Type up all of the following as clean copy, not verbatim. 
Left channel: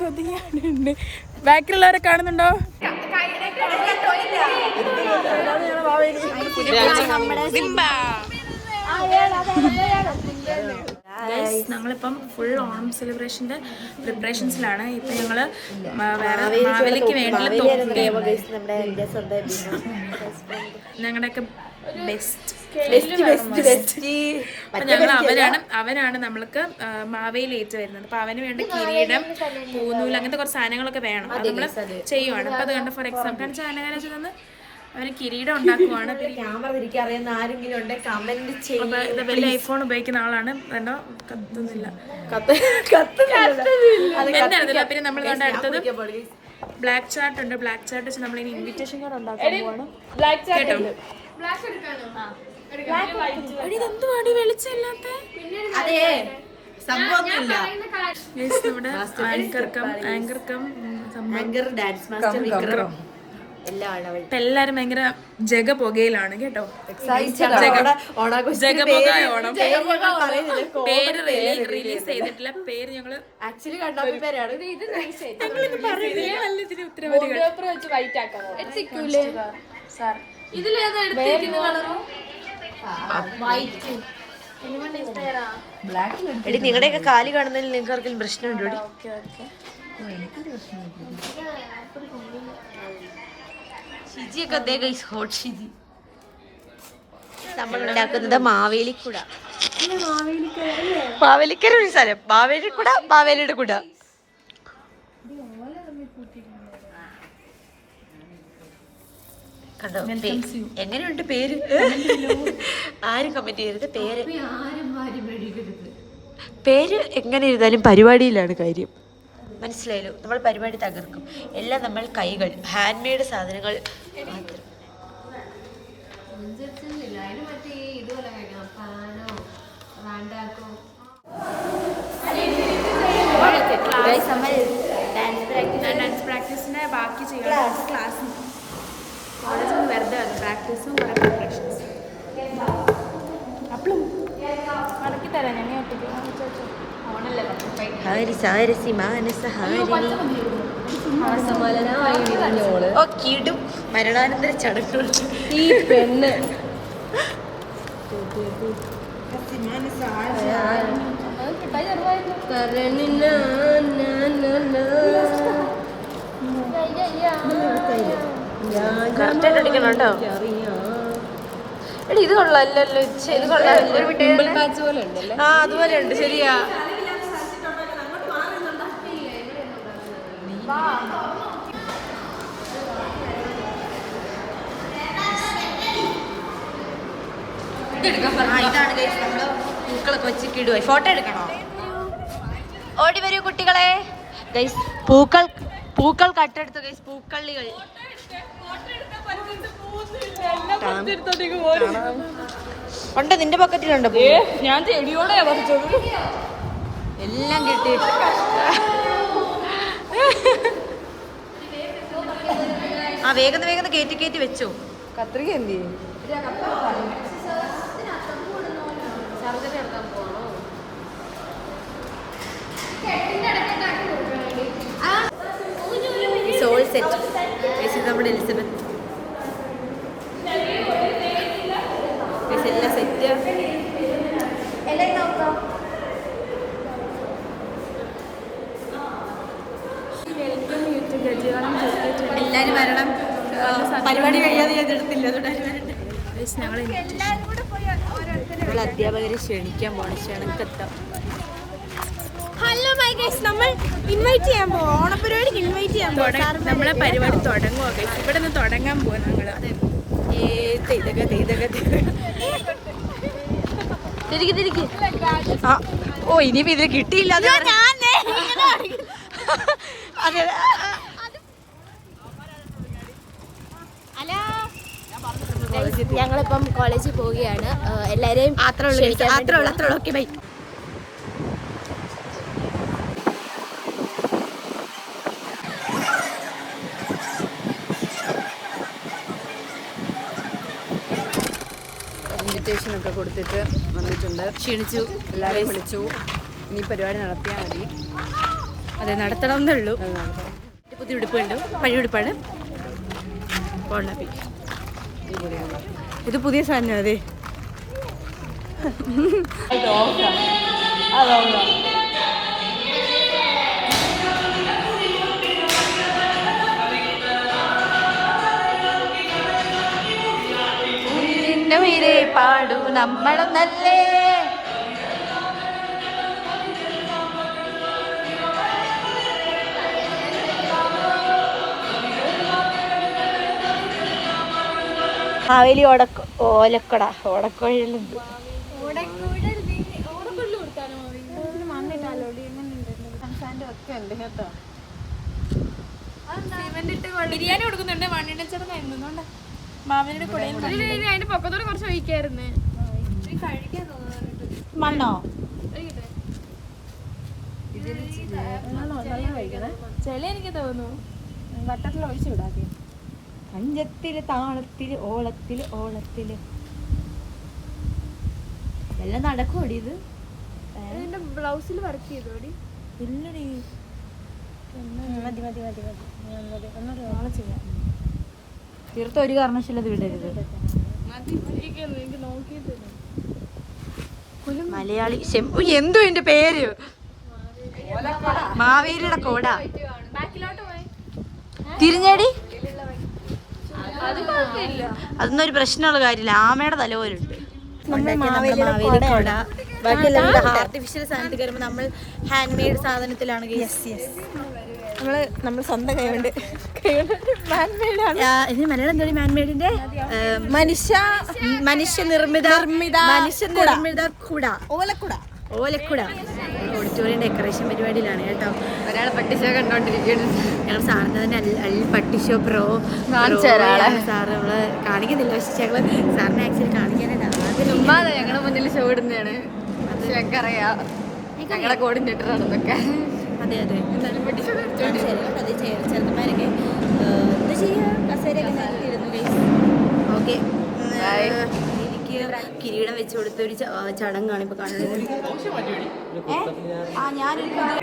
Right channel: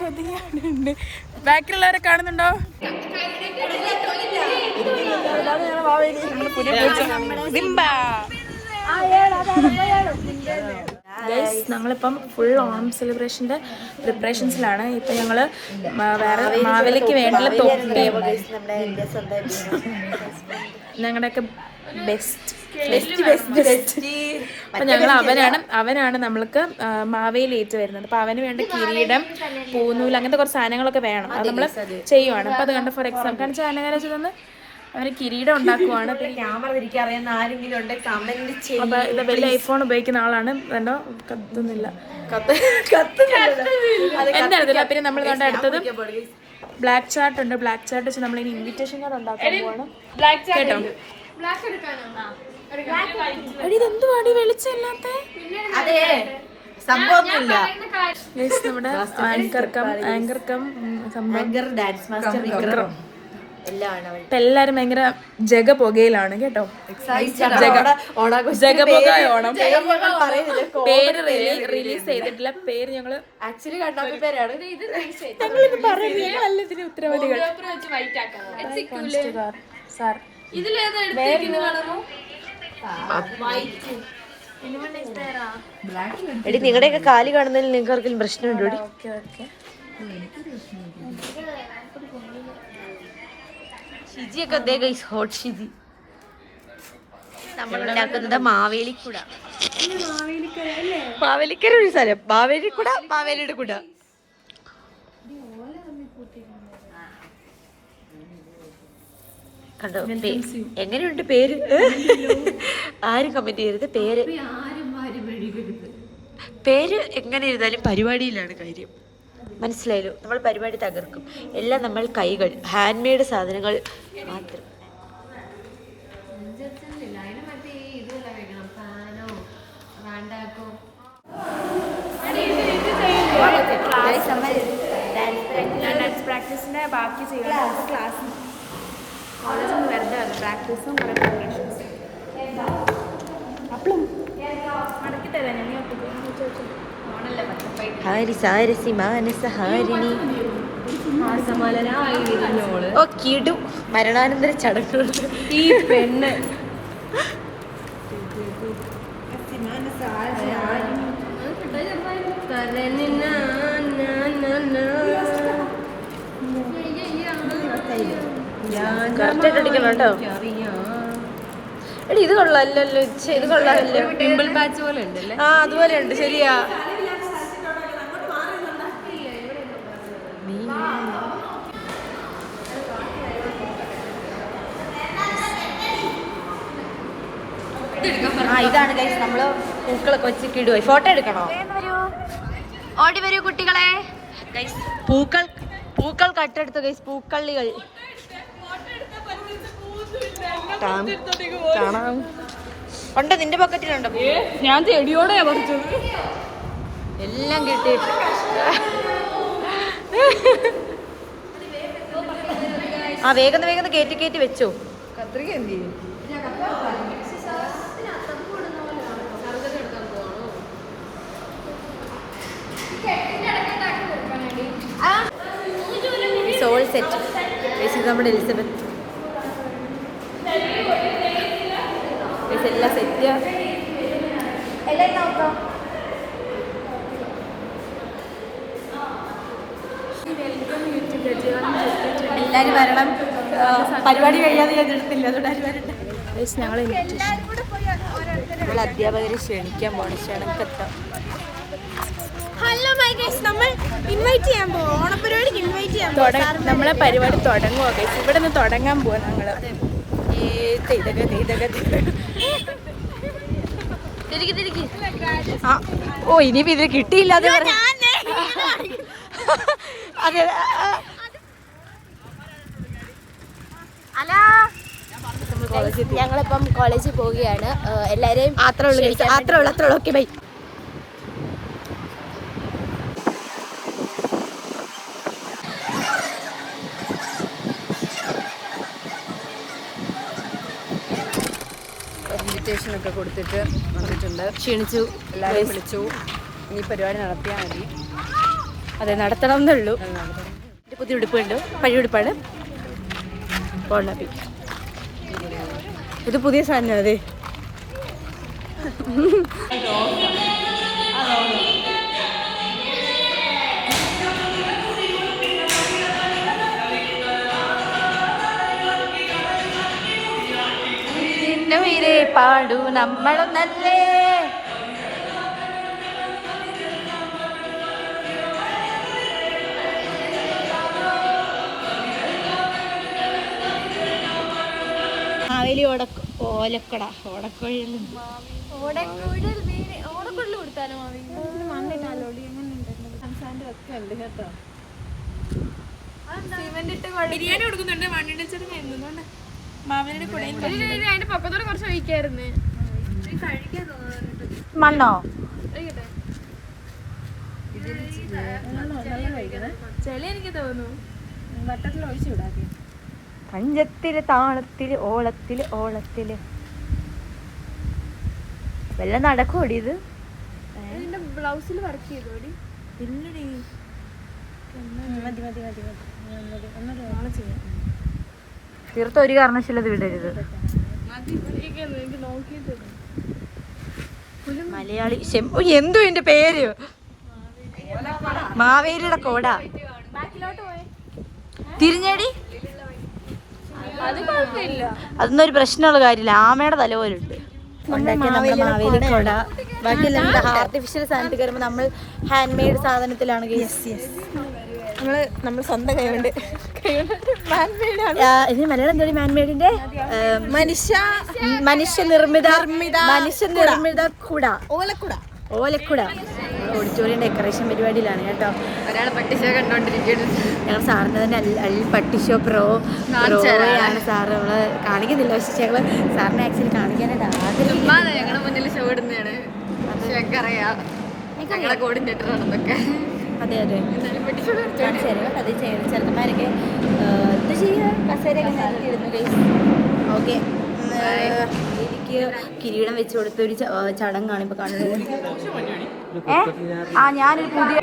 കൊതുകാണുണ്ട്. ബാക്കിലുള്ളവരെ കാണുന്നുണ്ടോ? ഗൈസ്, ഞങ്ങളിപ്പം ഫുൾ ഓണം സെലിബ്രേഷൻ്റെ പ്രിപ്പറേഷൻസിലാണ്. ഇപ്പം ഞങ്ങൾ വേറെ മാവേലിക്ക് വേണ്ടിയുള്ള തൊപ്പിയും ഞങ്ങളുടെയൊക്കെ ബെസ്റ്റ് അപ്പം ഞങ്ങൾ അവനാണ് നമ്മൾക്ക് മാവേലി ഏറ്റ് വരുന്നത്. അപ്പം അവന് വേണ്ട കിരീടം, പൂനൂൽ, അങ്ങനത്തെ കുറച്ച് സാധനങ്ങളൊക്കെ വേണം. അത് നമ്മൾ ചെയ്യുവാണ്. അപ്പം അത് കണ്ട് ഫോർ എക്സാമ്പിൾ കാണിച്ചാൽ അനകാരാച്ച് തന്ന് അവന് കിരീടം ഉണ്ടാക്കുവാണ്. അപ്പൊ ഇത് വലിയ ഐഫോൺ ഉപയോഗിക്കുന്ന ആളാണ്. വേണ്ടോ കത്തുന്നില്ല, എന്തായിരുന്നില്ല. പിന്നെ നമ്മൾ കണ്ട അടുത്തത് ബ്ലാക്ക് ചാർട്ട് ഉണ്ട്. ബ്ലാക്ക് ചാർട്ട് വെച്ച് നമ്മൾ ഇനി ഇൻവിറ്റേഷൻ കാർഡ് ഉണ്ടാക്കാൻ പോവാണ് കേട്ടോ. ഇതെന്തുവാടി വെളിച്ചമില്ലാത്ത സംഭവമൊന്നുമില്ല. നമ്മുടെ ആങ്കർ ഡാൻസ് മാസ്റ്റർ വിക്രം എല്ലാരും ഭയങ്കര ജഗ പുകയിലാണ് കേട്ടോ. ജഗപുക ഓണം പേര് റിലീസ് ചെയ്തിട്ടില്ല. പേര് ഞങ്ങള് ആക്ച്വലി കണ്ടാത്ത പേരാണ്. ഞങ്ങളിത് പറയുന്നത് നല്ല ഇതിന് ഉത്തരവാദികൾ. എടി, നിങ്ങളുടെയൊക്കെ കാല് കാണുന്നതിൽ നിങ്ങൾക്ക് ആർക്കെങ്കിലും പ്രശ്നമുണ്ടോ? ഷിജിയൊക്കെ ഹോട്ട് ഷിജി. നമ്മൾ ഉണ്ടാക്കുന്നത് മാവേലിക്കുട. മാവേലിക്കര ഒരു സ്ഥലം. മാവേലിക്കുട, മാവേലിയുടെ കുട. കണ്ടോ എങ്ങനെയുണ്ട് പേര്? ആരും കമന്റ് ചെയ്യരുത്. പേര് എങ്ങനെ ഇരുന്നാലും പരിപാടിയിലാണ് കാര്യം. മനസ്സിലായല്ലോ? നമ്മൾ പരിപാടി തകർക്കും. എല്ലാം നമ്മൾ കൈകൾ, ഹാൻഡ് മെയ്ഡ് സാധനങ്ങൾ മാത്രം. ഡാൻസ് പ്രാക്ടീസിന്റെ ബാക്കി ചെയ്യണം. ക്ലാസ് കോളേജിൽ നിന്ന് വെറുതെ വന്നു. പ്രാക്ടീസും കുറെ പ്രിപ്പറേഷൻസ്. അപ്പളും കണക്കി തരാം ഞാൻ. ഹാരിസാരസി മാനസഹാരിണി. ഓ കിടും മരണാനന്തര ചടങ്ങുകൾ. ഈ പെണ്ണ് കറക്റ്റായിട്ട് അടിക്കണം കേട്ടോ. എടി ഇത് കൊള്ളാമല്ലോ. ഇത് കൊള്ളാമല്ലോ. ആ അതുപോലെ ഉണ്ട്. ശരിയാ. ഇതാണ് ഗൈസ് നമ്മള് പൂക്കളൊക്കെ വെച്ച് കിടുവായി. ഫോട്ടോ എടുക്കണോ? ഓടി വരൂ കുട്ടികളെ. ഗൈസ് പൂക്കൾ കട്ടെടുത്തു ഗൈസ്. പൂക്കളികൾ ഉണ്ട്. നിന്റെ പോക്കറ്റിലുണ്ടോ? ഞാൻ ചെടിയോടെയാ പറിച്ചത്. എല്ലാം കിട്ടി. ആ വേഗം കയറ്റി വെച്ചോ. കത്രിക എന്ത് ചെയ്യും? സോൾ സെറ്റ് നമ്മുടെ എലിസബത്ത്. എല്ലാം സെറ്റ്. എല്ലാരും വരണം. പരിപാടി കഴിയാതെ ഞാൻ എടുത്തില്ല. ഞങ്ങൾ അധ്യാപകരെ ക്ഷണിക്കാൻ പോകണം. ക്ഷണക്കെത്താം. ഹലോ ഗൈസ്, നമ്മൾ ഇൻവൈറ്റ് ചെയ്യാൻ പോവാ. ഓണപരിപാടിക്ക് ഇൻവൈറ്റ് ചെയ്യാൻ പോവാ. നമ്മളെ പരിപാടി തുടങ്ങുക ഗൈസ്. ഇവിടെ നിന്ന് തുടങ്ങാൻ പോവാ ഞങ്ങള്. ഓ ഇനിയിപ്പോ ഇത് കിട്ടിയില്ലാതെ അതെ. ഞങ്ങളിപ്പം കോളേജിൽ പോവുകയാണ്. എല്ലാരെയും അത്രേ ഉള്ളൂ. Okay bye. ഇഞ്ചക്ഷനൊക്കെ കൊടുത്തിട്ട് വന്നിട്ടുണ്ട്. ക്ഷീണിച്ചു. എല്ലാവരെയും വിളിച്ചു. ഇനി പരിപാടി നടത്തിയാൽ മതി. അതെ, നടത്തണം എന്നുള്ളൂ. പുതിയ ഉടുപ്പുണ്ട്, പഴയ ഉടുപ്പാണ്. പോണപ്പി ഇത് പുതിയ സാധനം. അതെ, പാടു നമ്മളും നല്ലേ. മാവേലി ഓലക്കട ഓടക്കുഴലുണ്ട്. ബിരിയാണി കൊടുക്കുന്നുണ്ട്. മാവേലിയുടെ കൂടെ അതിന്റെ പൊക്കത്തോടെ കുറച്ച് ഒഴിക്കായിരുന്നു. മണ്ണോ ചെളി എനിക്ക് തോന്നുന്നു. ബട്ടറിൽ ഒഴിച്ചു വിടാതെ. പഞ്ചത്തില് താളത്തില് ഓളത്തില് ഓളത്തില് വല്ല നടക്കൂടി. ഇത് എന്റെ ബ്ലൗസിൽ വർക്ക് ചെയ്തോടി. ഇല്ലടി, തീർത്ത ഒരു കാരണവശാലും അത് വിടരുത്. മലയാളി എന്തോ എന്റെ പേര് മാവേലിയുടെ കോട. തിരിഞ്ഞടി, അതൊന്നും ഒരു പ്രശ്നമുള്ള കാര്യമില്ല. ആമയുടെ തല പോലുണ്ട്. മാവേലി കോട. ബാക്കിയെല്ലാം ആർട്ടിഫിഷ്യൽ സാധനത്തിൽ കയറുമ്പോൾ നമ്മൾ ഹാൻഡ് മെയ്ഡ് സാധനത്തിലാണ്. നമ്മൾ സ്വന്തം കൈകൊണ്ട് ഇതിന് മലയാളം എന്തോ മാൻമെയ്ഡിന്റെ മനുഷ്യനിർമ്മിത കുട, ഓലക്കുട. ഓഡിറ്റോറിയം ഡെക്കറേഷൻ പരിപാടിയിലാണ് കേട്ടോ. ഒരാളെ പട്ടിഷോ കണ്ടോണ്ടിരിക്കുന്നു. ഞങ്ങൾ സാറിന് തന്നെ പട്ടിഷോ പ്രോയാണ് സാറ്. നമ്മള് കാണിക്കുന്നില്ല, പക്ഷെ ഞങ്ങള് സാറിനെ ആക്ച്വലി കാണിക്കാനായിട്ട് ആഗ്രഹിക്കുന്നു. ഞങ്ങളുടെ മുന്നിൽ ഷോ ഇടുന്നതാണ്. ഞങ്ങൾക്കറിയാം, കോർഡിനേറ്റർ ആണെന്നൊക്കെ. അതെ അതെ, ചെറുക്കന്മാരൊക്കെ ഓക്കെ. എനിക്ക് കിരീടം വെച്ച് കൊടുത്ത ഒരു ചടങ്ങാണ് ഇപ്പൊ കാണുന്നത്. ഞാനൊരു പുതിയ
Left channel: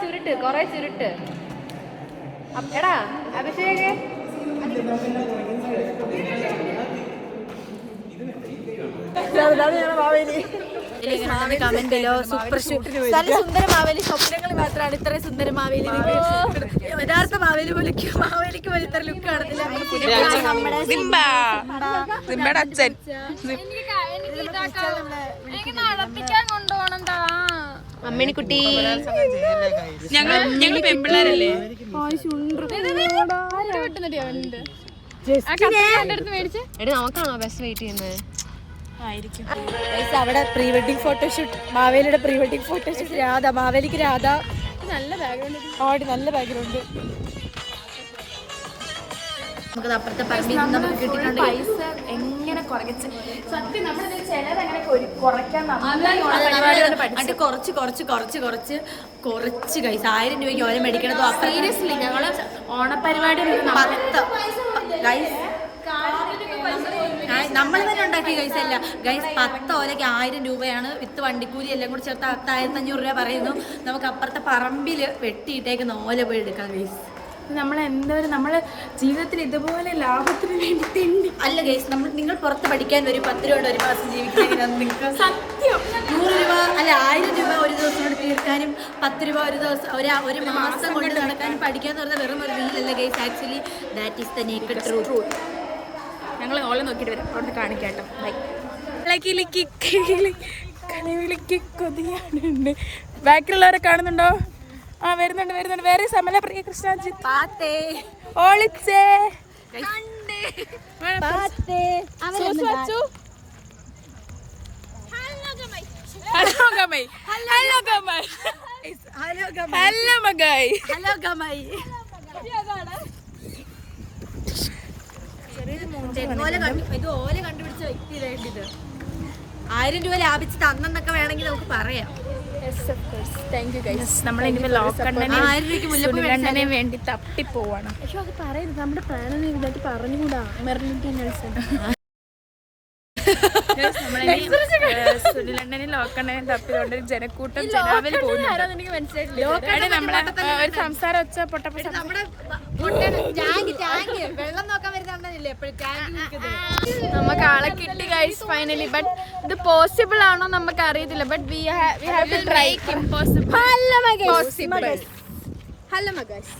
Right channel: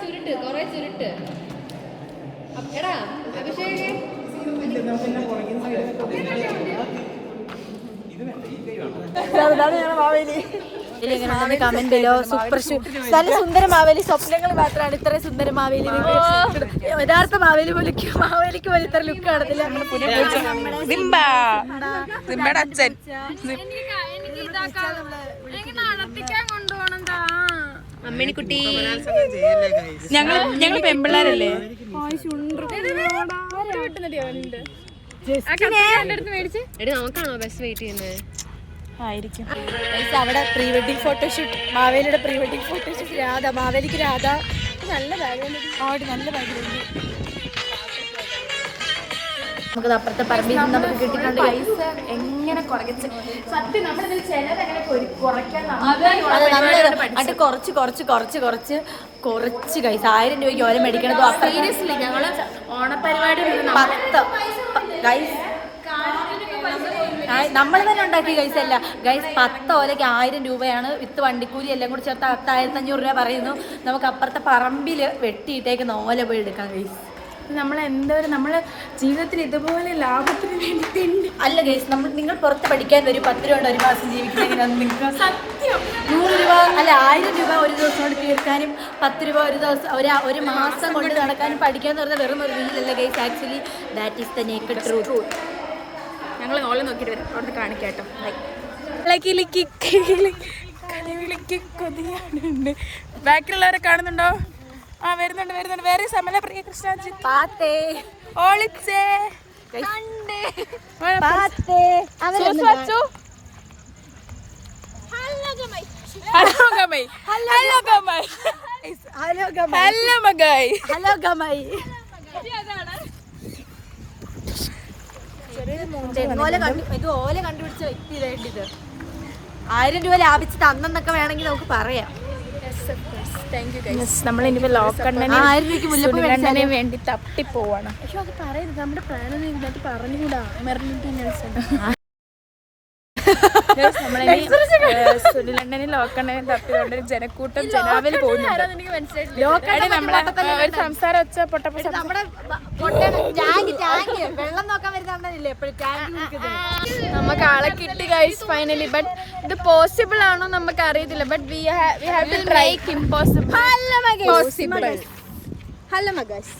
ചുരുട്ട്, കൊറേ ചുരുട്ട്. എടാ അഭിഷേക്, കമന്റ് ബിലോ. സൂപ്പർ നല്ല സുന്ദര മാവേലി. സ്വപ്നങ്ങൾ മാത്രമാണ് ഇത്ര സുന്ദര മാവേലി. യഥാർത്ഥ മാവേലി പോലേക്ക് മാവേലിക്ക് പോലെ ഇത്ര ലുക്ക് കാണത്തില്ല. അച്ഛൻ അമ്മിണിക്കുട്ടി, ഞങ്ങൾ പെമ്പിള്ളാരല്ലേ. നമുക്കാണോ ബസ് വെയിറ്റ് ചെയ്യുന്നത്? ആയിരിക്കും. അവിടെ പ്രീ വെഡിങ് ഫോട്ടോഷൂട്ട്, മാവേലിയുടെ പ്രീ വെഡിങ് ഫോട്ടോഷൂട്ട്. രാധ, മാവേലിക്ക് രാധ. നല്ല ബാക്ക്ഗ്രൗണ്ട്, നല്ല ബാക്ക്ഗ്രൗണ്ട്. നമുക്കത് അപ്പുറത്തെ പറമ്പിൽ നിന്ന് നമുക്ക് കിട്ടിയിട്ടുണ്ടെങ്കിൽ എങ്ങനെ കുറച്ച് സത്യം നമ്മളിതിൽ ചിലതെങ്ങനെ കുറയ്ക്കാൻ കുറച്ച് കൈസ് 1000 രൂപയ്ക്ക് ഓല മേടിക്കണതോ. ഞങ്ങള് ഓണപരിപാടി 10 ഗൈസ് നമ്മൾ തന്നെ ഉണ്ടാക്കി ഗൈസ്. അല്ല ഗൈസ്, 10 ഓലയ്ക്ക് 1000 രൂപയാണ്. വിത്ത് വണ്ടിക്കൂലി എല്ലാം കൂടി ചേർത്ത് 10,500 രൂപ പറയുന്നു. നമുക്ക് അപ്പുറത്തെ പറമ്പിൽ വെട്ടിയിട്ടേക്കുന്ന ഓല പോയി എടുക്കാം ഗൈസ്. നമ്മള് ജീവിതത്തിൽ ഇതുപോലെ ലാഭത്തിന് വേണ്ടി അല്ല ഗൈസ്, നിങ്ങൾ പുറത്ത് പഠിക്കാൻ വരും. 10 രൂപ കൊണ്ട് ഒരു മാസം ജീവിക്കുന്നതിനാണ് നിങ്ങൾക്ക് സത്യം. 100 രൂപ അല്ല 1000 രൂപ ഒരു ദിവസം കൊണ്ട് തീർക്കാനും 10 രൂപ ഒരു ദിവസം ഒരു മാസം കൊണ്ട് നടക്കാനും പഠിക്കാന്ന് പറഞ്ഞാൽ വെറും ഒരു റീലല്ല guys. Actually that is the naked truth. ഞങ്ങൾ ഓളെ നോക്കിയിട്ട് വരും, അവിടുന്ന് കാണിക്കാട്ടോ. ബാക്കിലുള്ളവരെ കാണുന്നുണ്ടോ? ആ വരുന്നുണ്ട്. വേറെ സമല പ്രിയ കൃഷ്ണാജി പാത്തേ ഓളിച്ചേ ഇത് ഓല കണ്ടുപിടിച്ച വ്യക്തിയിലായിട്ട് 1000 രൂപ ലാഭിച്ച് തന്നെന്നൊക്കെ വേണമെങ്കിൽ നമുക്ക് പറയാം. നമ്മൾ ഇനിയിപ്പോ ലോക്കണ്ണനെയും വേണ്ടി തപ്പിപ്പോവാണ്. പക്ഷെ അത് പറയരുത്, നമ്മുടെ പ്രാണം ഇതായിട്ട് പറഞ്ഞുകൂടാ. നമ്മളിനി സുനിലണ്ണനെയും ലോക്കണ്ണനെയും തപ്പിക്കൊണ്ട് ജനക്കൂട്ടം ജനാവിൽ പോകുന്നുണ്ട്. എടി നമ്മളെ ഒരു സംസാരം വെച്ച പൊട്ടപ്പോ നമുക്ക് ആളെ കിട്ടി ഗൈസ് ഫൈനലി. ബട്ട് ഇത് പോസിബിൾ ആണോ നമുക്ക് അറിയത്തില്ല. But we have to try. Impossible possible. Hello മഗൈസ്.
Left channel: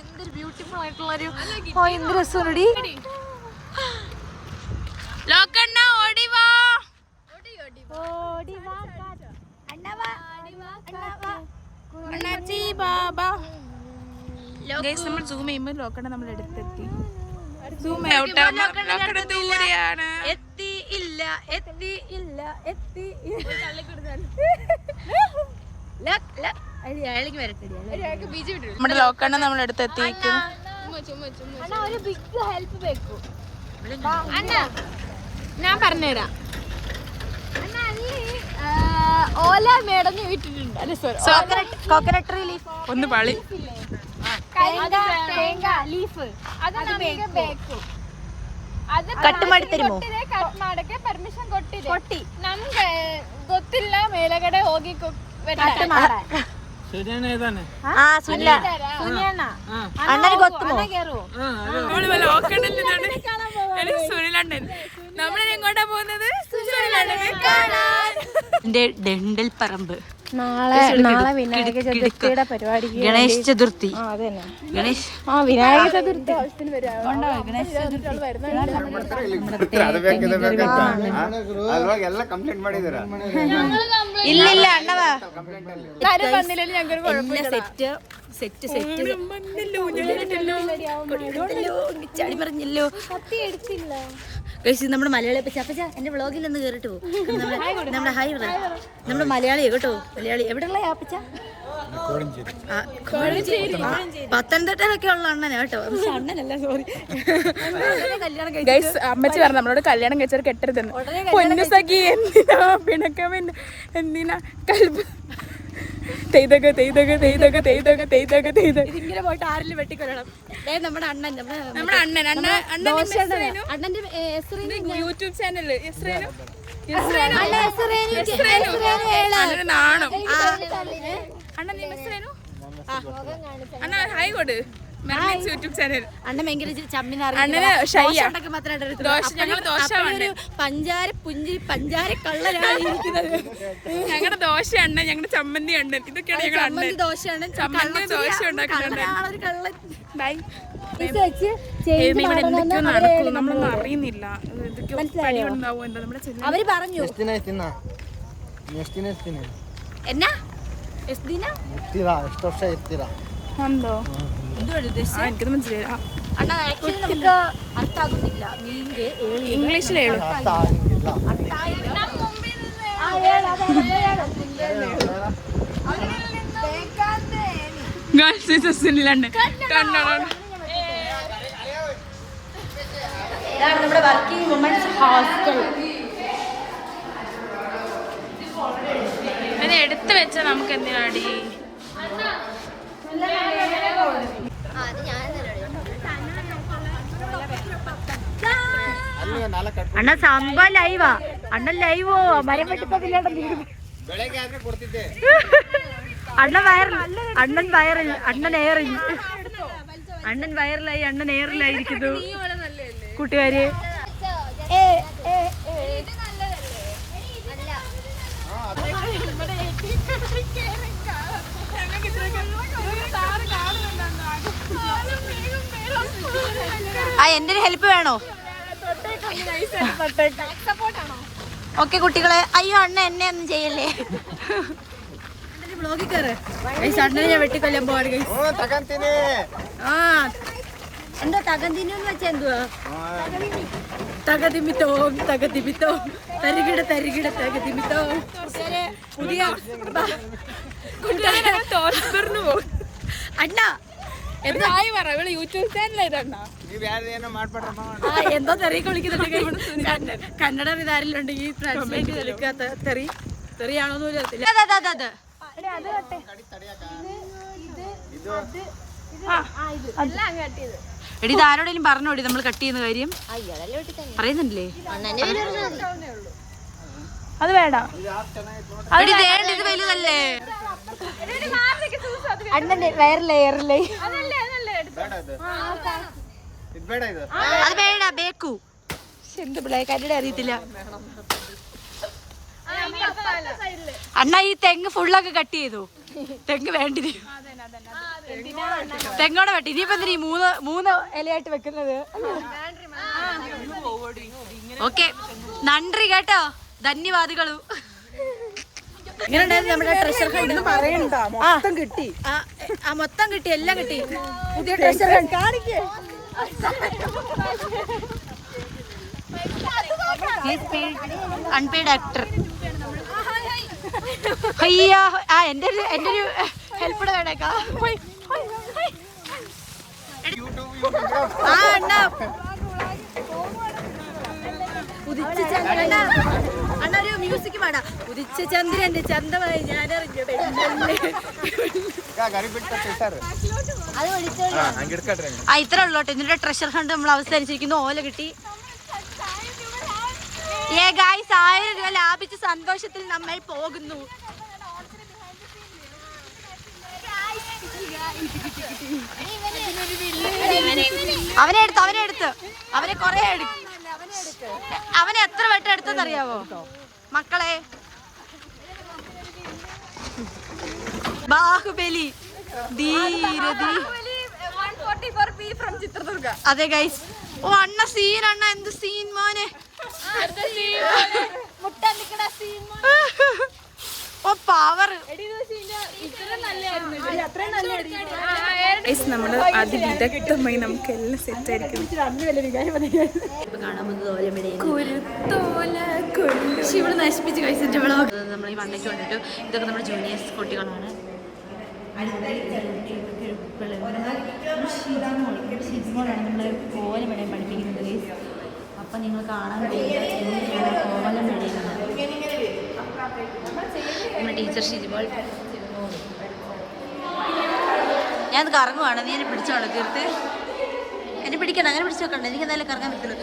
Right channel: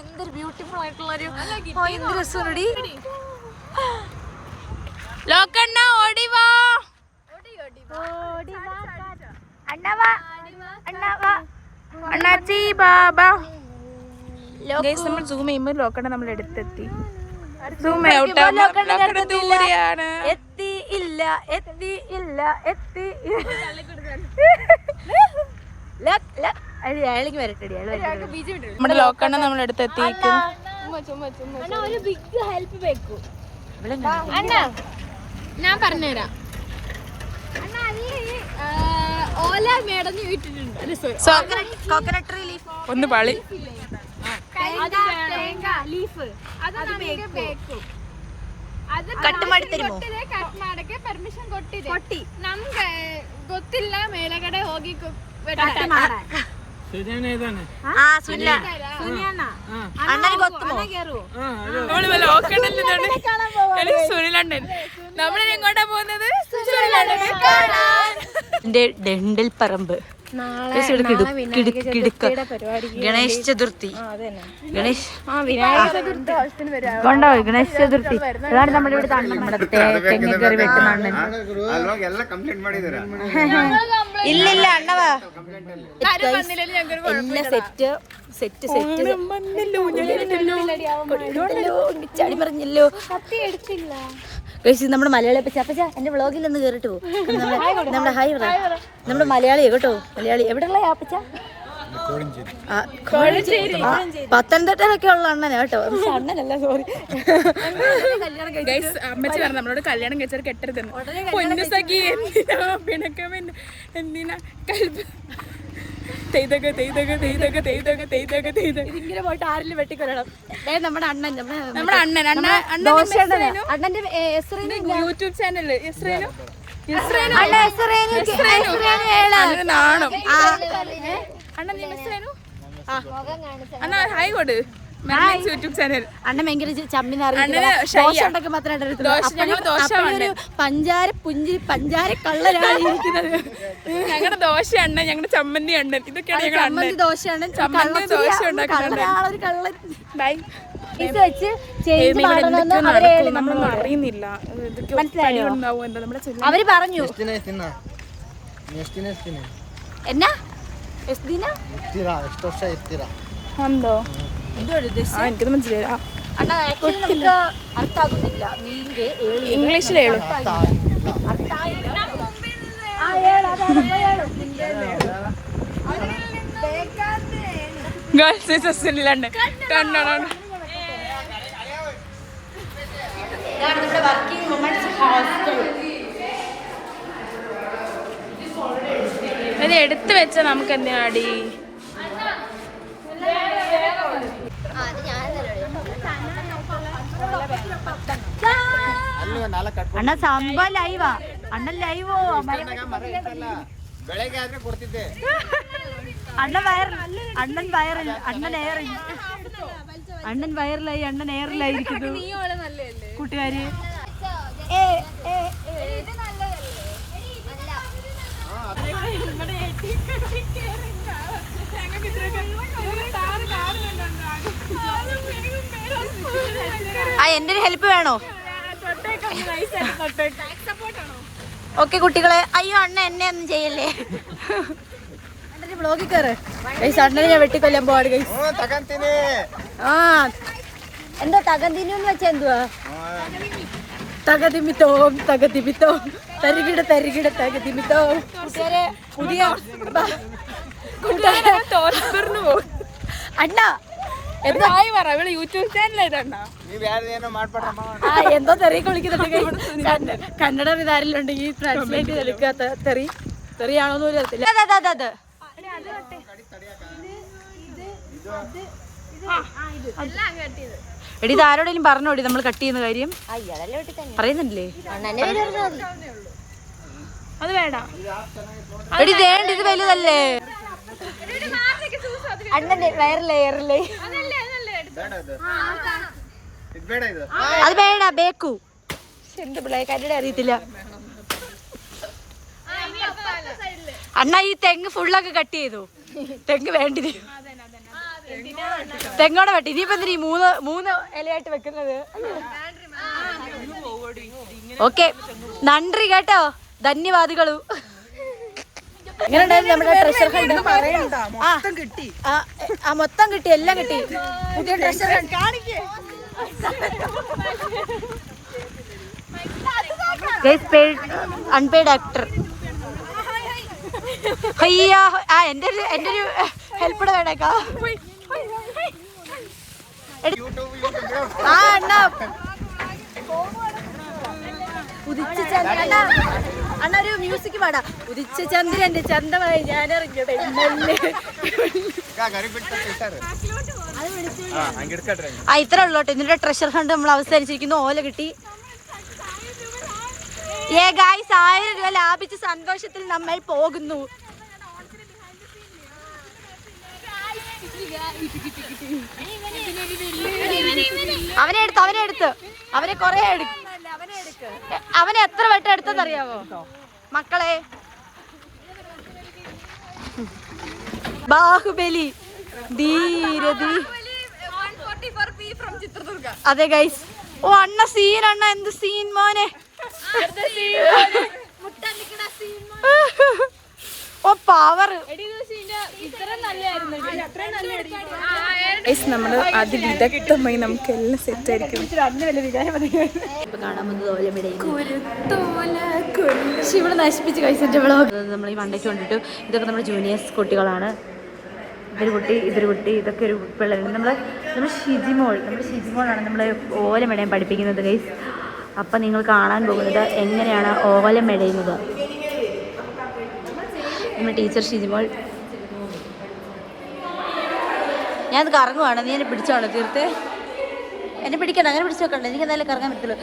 എന്തൊരു ബ്യൂട്ടിഫുൾ ആയിട്ടുള്ളൊരു ലോക്കണ്ണ ഓടിവാ. അണ്ണാച്ചി ബാബ. നമ്മൾ സൂം ചെയ്യുമ്പോൾ ലോക്കണ്ണ നമ്മൾ എടുത്തെത്തി. സൂം ഔട്ട് ലോക്കണ്ണ ദൂരെയാണ്. നമ്മുടെ ലോക്കണ്ണ നമ്മൾ എടുത്തെത്തിയിരിക്കുന്നു. ഞാൻ പറഞ്ഞുതരാം. ഓല മേടഞ്ഞ് വിട്ടിട്ടുണ്ട്. ഒന്ന് പളി തേങ്ങ ലീഫ് അത് കട്ട് ಮಾಡಿ ತರಿಮೋ ಕಟ್ ಮಾಡಕ್ಕೆ ಪರ್ಮಿಷನ್ ಕೊಟ್ಟಿ ನಮ್ಗೆ ಗೊತ್ತಿಲ್ಲ ಮೇಲಗಡೆ ಹೋಗಿ അണ്ണന് ಗೊತ್ತು സുനിലണ്ണൻ. നമ്മളെങ്ങോട്ടാ പോകുന്നത്? ഡെണ്ടൽ പറമ്പ് ഗണേശ് ചതുർത്ഥി. കൊണ്ടോ ഗണേശ് ചതുർത്ഥി. അതാണ് നമ്മുടെ ഇവിടുത്തെ നമ്മുടെ തെങ്ങറി വെക്കുന്ന അണ്ണൻ. ഇല്ലില്ല അണ്ണവാ എല്ലാ സെറ്റ് സെറ്റ് സെറ്റ് ചാടി പറഞ്ഞല്ലോ. നമ്മുടെ മലയാളി അപ്പച്ച എന്റെ വ്ളോഗിൽ ഒന്ന് കേറിട്ട് പോകും. നമ്മുടെ ഹായ് പറ. നമ്മുടെ മലയാളിയാ കേട്ടോ. മലയാളി എവിടെയുള്ള അപ്പച്ച? പത്തനംതിട്ടയിലൊക്കെ ഉള്ള അണ്ണനാ കേട്ടോ. പക്ഷെ അണ്ണനല്ല, സോറി. അമ്മച്ചി പറഞ്ഞു നമ്മളോട് കല്യാണം കഴിച്ചവർ കെട്ടരുതെന്ന്. എന്തിനാ കൽബ് ഇങ്ങനെ പോയിട്ട് ആരിലും വെട്ടിക്കൊല്ലണം. നമ്മുടെ അണ്ണൻ നമ്മുടെ അണ്ണന്റെ യൂട്യൂബ് ചാനൽ നാണം. അണ്ണൻ അണ്ണ ഹായ് കൊടു. യൂട്യൂബ് ചാനൽ അണ്ണൻ ഭയങ്കര ചമ്മിന് ഞങ്ങൾ ദോശ പഞ്ചാര പുഞ്ചിരി പഞ്ചാര കള്ളനാണ്. ഞങ്ങളുടെ ദോശ അണ്ണൻ, ഞങ്ങളുടെ ചമ്മന്തി അണ്ണൻ, ഇതൊക്കെയാണ് ഞങ്ങളുടെ അണ്ണൻ. ചമ്മന്തി ദോശ ഉണ്ടാക്കുന്നുണ്ട്. ഇവിടെ എന്തൊക്കെയോ നടക്കും, നമ്മളൊന്നും അറിയുന്നില്ല. എന്തൊക്കെയോ പണി ഉണ്ടാവും. എന്താ നമ്മുടെ അവര് പറഞ്ഞു എന്തോ എനിക്കത് മനസ്സിലായില്ല. അർത്ഥാകുന്നില്ല. ഇംഗ്ലീഷിലേ ഉള്ളൂ. ഗേൾസ് സുനിലുണ്ട്. നമ്മുടെ വർക്കിംഗ് വുമൺസ് ഹോസ്റ്റൽ. ഇത് എടുത്തു വെച്ച നമുക്ക് എന്തിനാടി? ಅಣ್ಣ ಸಂಬ ಲೈವಾ ಅಣ್ಣನ್ ಲೈವ್ അണ്ണൻ വയറിൽ അണ്ണൻ വയറിലായി അണ്ണൻ എയറിലായിരിക്കുന്നു കൂട്ടുകാര്. എന്റെ ഒരു ഹെൽപ്പ് വേണോ? ഓക്കെ കുട്ടികളെ. അയ്യോ അണ്ണ എന്നെ ഒന്നും ചെയ്യല്ലേ. അണ്ണനെ ഞാൻ വെട്ടിക്കൊല്ലാൻ പോവാണ്. ആ എന്താ തകന്തിനെന്ന് വെച്ചാ എന്തുവാ? തകതിമിത്തോം തകതിമിത്തോം തരികിട തരികിട തകതിമിത്തോം. കൂട്ടുകാരെ പുതിയ പോകും. അല്ല യൂട്യൂബ് ചാനലായിട്ടാ എന്തോ തെറിയൊക്കെ വിളിക്കുന്നുണ്ട്. കന്നഡ വിധാരിലുണ്ടെങ്കിൽ ട്രാൻസ്ലേറ്റ് ചെയ്തെടുക്കാത്ത തെറിയാണോന്ന് പോലും അറിയത്തില്ല. അത് എടി ഇത് ആരോടെങ്കിലും പറഞ്ഞോടി നമ്മൾ കട്ട് ചെയ്യുന്ന കാര്യം പറയുന്നില്ലേ? അത് വേണ്ട. എടി വേണ്ട, ഇത് വലുതല്ലേ? അണ്ണന്റെ വയറില്ലേ അത് വേണ്ട. ബേക്കു എന്ത് പിള്ളേ കന്നഡ അറിയത്തില്ല. അണ്ണ ഈ തെങ്ങ് ഫുള്ളൊക്കെ കട്ട് ചെയ്തു. തെങ്ങ് വേണ്ടി തെങ്ങോടെ വെട്ടി. ഇനിയിപ്പോ എന്തിനാ ഈ മൂന്ന് ഇലയായിട്ട് വെക്കുന്നത്? ഓക്കെ, നന്ദി കേട്ടോ, ധന്യവാദികളു. എങ്ങനെ ഉണ്ടായിരുന്നു നമ്മുടെ ട്രഷർ ഹണ്ട്? മൊത്തം കിട്ടി, എല്ലാം കിട്ടി. പുതിയ ട്രഷർ ഹണ്ട് അൺപെയ്ഡ് ആക്ടർ. അയ്യാ, എന്റെ ഒരു ഹെൽപ്പ് വേണേക്കാ. അണ്ണൊരു മ്യൂസിക് പാടാ. ഉദിച്ച ചന്ദ്രന്റെ ചന്തമായി ഞാനിറങ്ങിയത്. ഇത്ര ഉള്ളോട്ടെ. എന്നിട്ട് ട്രഷർ ഹണ്ട് നമ്മൾ അവസാനിച്ചിരിക്കുന്നു. ഓല കിട്ടി. 1000 രൂപ ലാഭിച്ച സന്തോഷത്തിൽ നമ്മൾ പോകുന്നു. അവനെ കൊറേ അവനെ എത്ര വട്ടം എടുത്തെന്നറിയാവോ മക്കളെ? ബാഹുബലി ധീരതി. അതെ ഗൈസ്. ഓ അണ്ണ സീൻ, അണ്ണ എന്ത് സീൻ മോനെ. ഓ പവർ. നമ്മള് അതിവിദഗ്ധമായി നമുക്ക് എല്ലാം സെറ്റ് ആയിരിക്കും. ഇവിടെ നശിപ്പിച്ച് കഴിച്ചിട്ട് നമ്മൾ ഈ മണ്ടയ്ക്ക് കൊണ്ടിട്ടു. ഇതൊക്കെ നമ്മുടെ ജൂനിയേഴ്സ് കുട്ടികളാണ്. ഇതൊരു കുട്ടി ഇതൊക്കെ ഒരു പിള്ളേർ. നമ്മൾ ഷിജിമോളാണ് നമ്മൾ ഓലമെടയും പഠിപ്പിക്കുന്നത് ഗൈസ്. അപ്പം നിങ്ങൾ കാണാൻ പോകുന്നത് എങ്ങനെയാണ് ഓല മെടയുന്നത്. നമ്മുടെ ടീച്ചർ ഷിജിമോൾ. ഞാനത് കറങ്ങുവാണ്. നീ എന്നെ പിടിച്ചോണോ തീർത്ത്? എന്നെ പിടിക്കണം, അങ്ങനെ പിടിച്ചു നോക്കണ്ട. എനിക്ക് എന്തായാലും കറങ്ങാൻ പറ്റുള്ളൂ.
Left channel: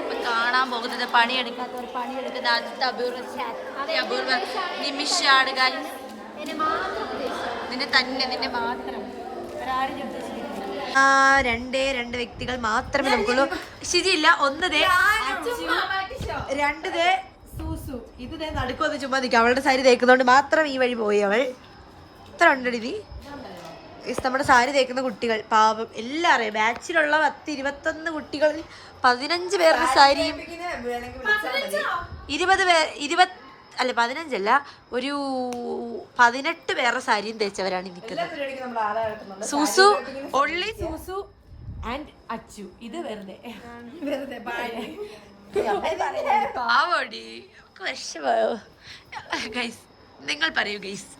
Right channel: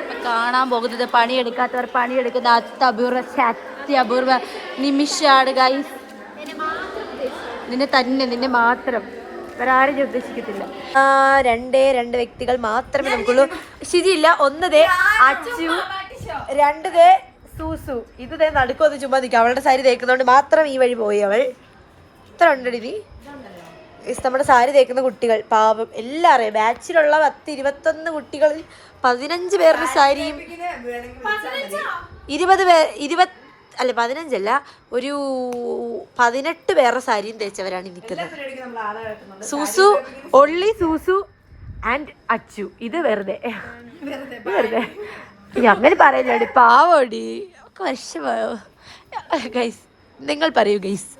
ഇപ്പം കാണാൻ പോകുന്നത് പണിയെടുക്കാത്തവർ പണിയെടുക്കുന്ന അപൂർവ നിമിഷാണ് ഗൈസ്. നിന്നെ മാത്രം, ഒരാരും ഉദ്ദേശിക്കത്തില്ല. രണ്ട് വ്യക്തികൾ മാത്രമേ നമുക്കുള്ളൂ. ശരിയില്ല. ഒന്ന് ദേ അച്ചു, 2 ദേ സൂസു. ഇത് ദേ നടുക്കൊന്ന് ചുമ്മാ നിൽക്കും. അവളുടെ സാരി തേക്കുന്നതുകൊണ്ട് മാത്രം ഈ വഴി പോയി അവൾ. ഇത്ര ഉണ്ടടി നീ. നമ്മുടെ സാരി തേക്കുന്ന കുട്ടികൾ പാവം എല്ലാം അറിയാം. ബാച്ചിലുള്ള 10-21 കുട്ടികളിൽ 15 പേരുടെ സാരിയും 15 ഒരു 18 പേരുടെ സാരിയും തേച്ചവരാണ് നിൽക്കുന്നത്. സൂസു, ഒള്ളി സൂസു ആൻഡ് അച്ചു. ഇത് വെറുതെ അങ്ങനെ പറയുന്നടി. പാവോടി വിഷമയോ ഗൈസ്? നിങ്ങൾ പറയൂ ഗൈസ്.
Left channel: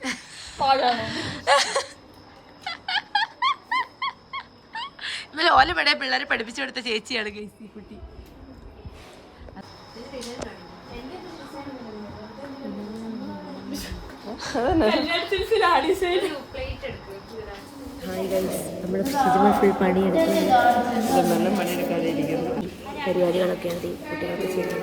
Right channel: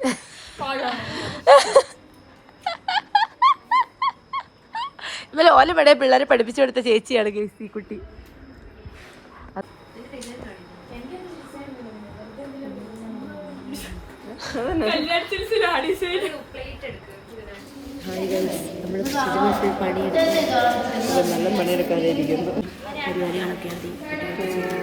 ഇന്നലെ ഓലമട പിള്ളേരെ പഠിപ്പിച്ചു കൊടുത്ത ചേച്ചിയാണ് ഗൈസ് ഈ കുട്ടി. നല്ല പണിയെടുക്കാതെ ഇരിക്കുന്നു. പരിപാടികളൊക്കെ കുട്ടികൾക്ക് ചെയ്യുന്നു.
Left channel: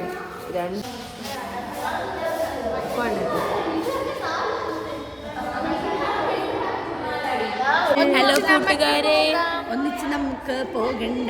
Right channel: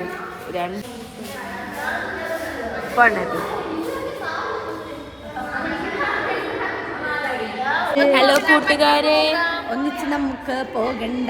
ഹലോ കൂട്ടുകാരെ, ഒന്നിച്ച് നമുക്ക് പോകണ്ട.